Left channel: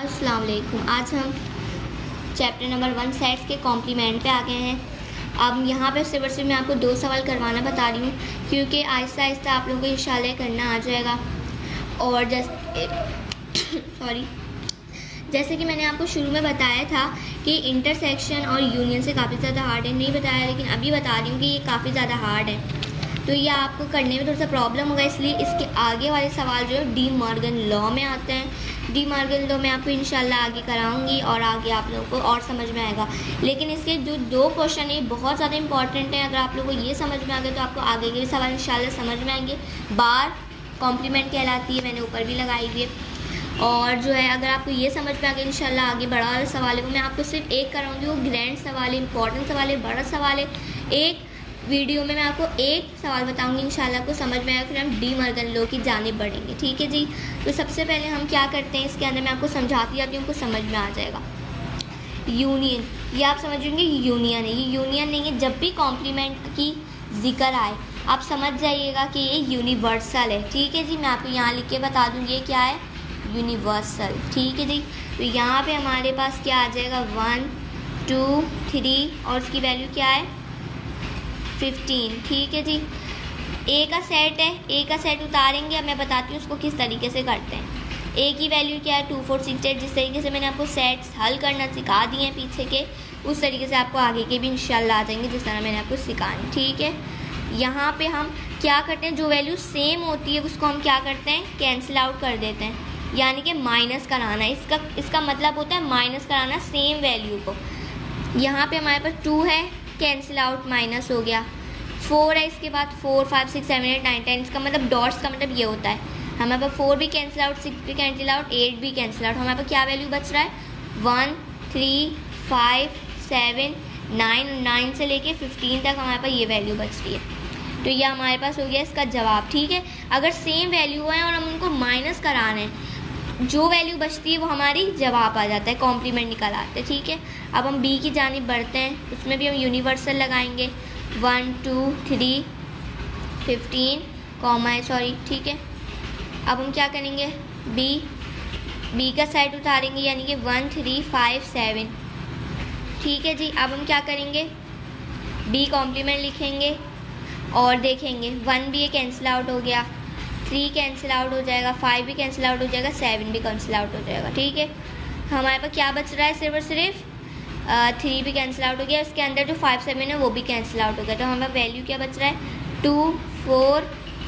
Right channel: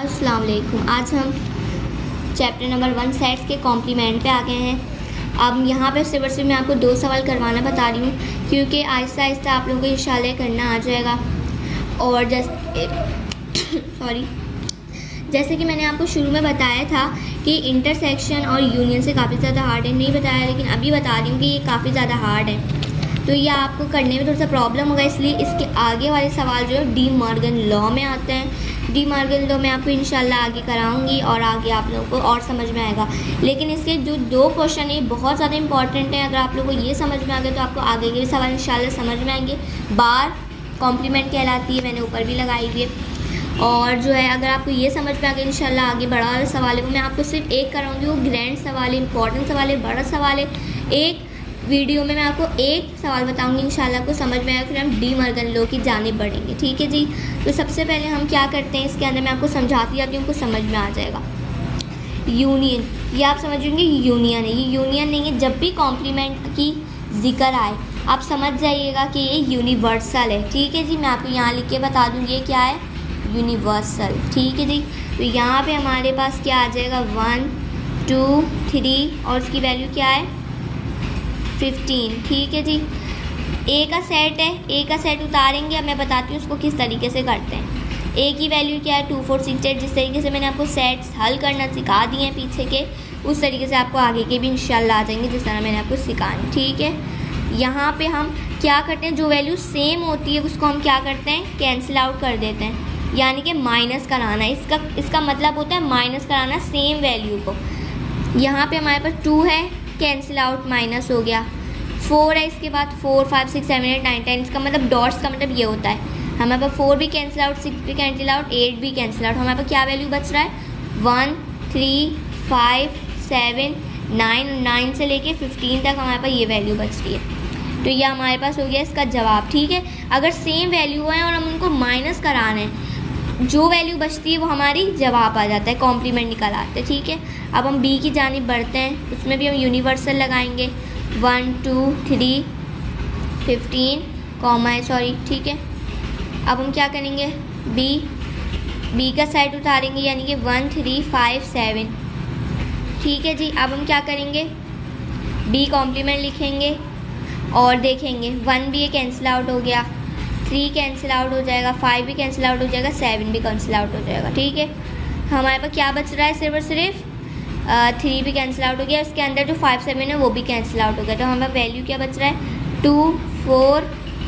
अस्सलाम वालेकुम। आज हम चैप्टर नंबर 1 सेट्स के कॉम्प्लीमेंट पे आ गए हैं। अब यहाँ पे सिर्फ मैं आपको 2 सवाल करवाना बता रही हूँ, क्योंकि आहिस्ता आहिस्ता आप लोगों को इंशाल्लाह करना आ जाएगा। और जैसे कि मैंने आपको शुरू में बताया था कि इंटरसेक्शन और यूनियन से काफ़ी ज़्यादा हार्ड है, नहीं बताया, लेकिन अभी बता रही हूँ कि ये काफ़ी ज़्यादा हार्ड है, तो ये आपको करने में थोड़ा सा प्रॉब्लम होगा। इसलिए इसके आगे वाले सवाल जो है डी मॉर्गन लॉ में आते हैं। डी मॉर्गन लॉ में आपको इंशाल्लाह आगे कराऊंगी और आगे आप लोगों को और समझ में आएगा। लेकिन इसके जो 2 क्वेश्चन है बहुत ज़्यादा इंपॉर्टेंट है। अगर आप लोगों को ये समझ में आ गया तो आपको आगे के भी सवाल इंशाल्लाह समझ में आएंगे। बार कॉम्प्लीमेंट कहलाती है, मैंने ऊपर भी लगाई है। और जो है अगर आपको ये समझ में आ गया इंशाल्लाह आगे बड़ा वाला सवाल है वो मैं आपको सिर्फ एक कराऊंगी। वो ग्रैंड सवाल है, इंपॉर्टेंट सवाल है, बड़ा सवाल है। एक वीडियो में मैं आपको एक सवाल बताऊंगी, इंशाल्लाह को समझ में आएगा, फिर हम डी मॉर्गन लॉ की जानिब बढ़ेंगे। ठीक है जी। तो सबसे पहले हम क्या करते हैं, इसके अंदर मैं आपको समझाती जाती हूँ, आपको समझ में आ जाएगा। यूनियन, ये आप समझेंगे यूनियन है, ये यूनियन नहीं है। जब भी कॉम्प्लीमेंट की जिक्र आए आप समझ जाइएगा कि ये यूनिवर्सल है। ठीक है जी। मैं आपको यहाँ लिख के बता दूँ ये क्या है, यूनिवर्सल। ठीक है जी। तो यहाँ पे हमारे पास क्या आ जाएगा, 1 2 3 और उसकी वैल्यू क्या है 15। ठीक है जी। ए का सेट है, ए का सेट उतारेंगे। अब मैं बताती हूँ उसको किस तरीके से करते हैं। ए की वैल्यू क्या है 2 4 6 8। जिस तरीके से मैंने आपको सेट्स हल करना सिखा दिए हैं पीछे के, उस तरीके से आपको आगे के भी इंशाल्लाह आ जाएंगे जिस तरह मैंने आपको सिखाया। ठीक है। यहाँ पे हम क्या करते हैं, जो वैल्यू सेम होती है उसको हम क्या करते हैं, कैंसिल आउट कर देते हैं, यानी कि माइनस कराना। इसका मतलब होता है माइनस कराना सेम वैल्यू को। यहाँ पे हमारे पास 2 है, कैंसिल आउट, माइनस हो गया। 4 है, इसके बाद 4 5 6 7 8 9 10। इसका मतलब डॉट्स का मतलब ये होता है हमारे पास 4 भी कैंसिल आउट, 6 भी कैंसिल आउट, 8 भी कैंसिल आउट। हमारे पास क्या वैल्यू बच रहा है 1 3 5 7 9 से लेके 15 तक हमारे पास ये वैल्यू बच रही है। तो ये हमारे पास हो गया इसका जवाब। ठीक है। अगर सेम वैल्यू है और हम उनको माइनस कराना है, जो वैल्यू बचती है वो हमारी जवाब आ जाता है, कॉम्प्लीमेंट निकल आते हैं। ठीक है। अब हम बी की जानिब बढ़ते हैं, उसमें भी हम यूनिवर्सल लगाएंगे। 1 2 3 15 कॉमा है, सॉरी। ठीक है। अब हम क्या करेंगे, बी का साइड उतारेंगे, यानी कि 1 3 5 7। ठीक है जी। अब हम क्या करेंगे, बी कॉम्प्लीमेंट लिखेंगे और देखेंगे 1 भी कैंसिल आउट हो गया, 3 कैंसिल आउट हो जाएगा, 5 भी कैंसिल आउट हो जाएगा, 7 भी कैंसिल आउट हो जाएगा। ठीक है। हमारे पास क्या बच रहा है, सिर्फ और सिर्फ 3 भी कैंसिल आउट हो गया। इसके अंदर जो 5 7 है वो भी कैंसिल आउट हो गया। तो हमारे वैल्यू क्या बच रहा है 2 4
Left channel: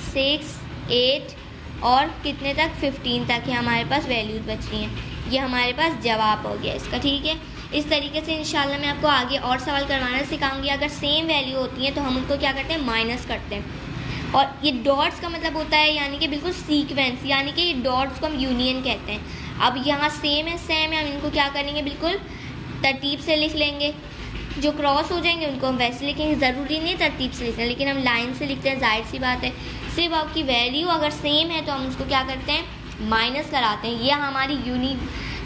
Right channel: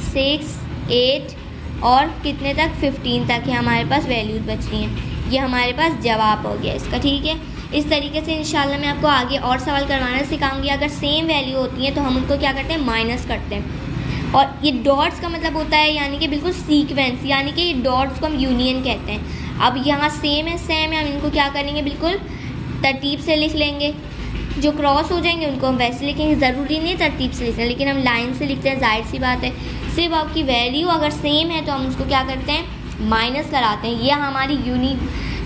6 8 और कितने तक 15 तक ही हमारे पास वैल्यूज बच रही हैं। ये हमारे पास जवाब हो गया इसका। ठीक है। इस तरीके से इंशाल्लाह मैं आपको आगे और सवाल करवाना सिखाऊंगी। अगर सेम वैल्यू होती है तो हम उनको क्या करते हैं, माइनस करते हैं। और ये डॉट्स का मतलब होता है यानी कि बिल्कुल सीक्वेंस, यानी कि डॉट्स को हम यूनियन कहते हैं। अब यहाँ सेम है, सेम है, हम इनको क्या करेंगे, बिल्कुल तरतीब से लिख लेंगे। जो क्रॉस हो जाएंगे उनको हम वैसे लिखेंगे, ज़रूरी नहीं तरतीब से लिखना, लेकिन हम लाइन से लिखते हैं, जाहिर सी बात है। सिर्फ आपकी वैल्यू अगर सेम है तो हम उसको क्या करते हैं, माइनस कराते हैं। यह हमारी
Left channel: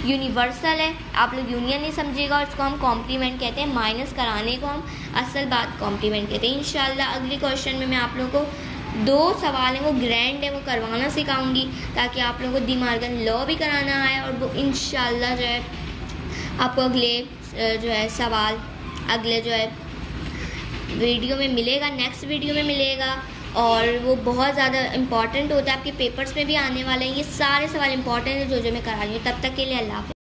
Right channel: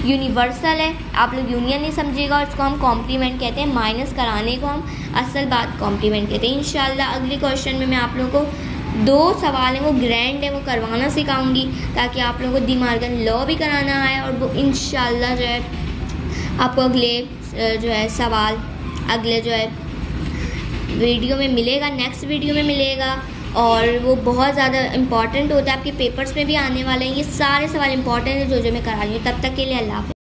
यूनिवर्सल है, आप लोग यूनियन नहीं समझिएगा, और इसको हम कॉम्प्लीमेंट कहते हैं। माइनस कराने को हम असल बात कॉम्प्लीमेंट कहते हैं। इंशाल्लाह अगले क्वेश्चन में मैं आप लोगों को 2 सवाल हैं, वो ग्रैंड है, वो करवाना सिखाऊंगी, ताकि आप लोगों को डी मॉर्गन लॉ भी कराना है। और वो इंशाल्लाह जो है आपको अगले जो है सवाल अगले जो है वीडियो में मिलेगा, नेक्स्ट वीडियो में मिलेगा। और वो बहुत ज़्यादा इंपॉर्टेंट होता है, आपके पेपर्स में भी आने वाले हैं। ये सारे सवाल इंपॉर्टेंट है जो मैं करा रही हूँ। तब तक के लिए अल्लाह हाफ़िज़।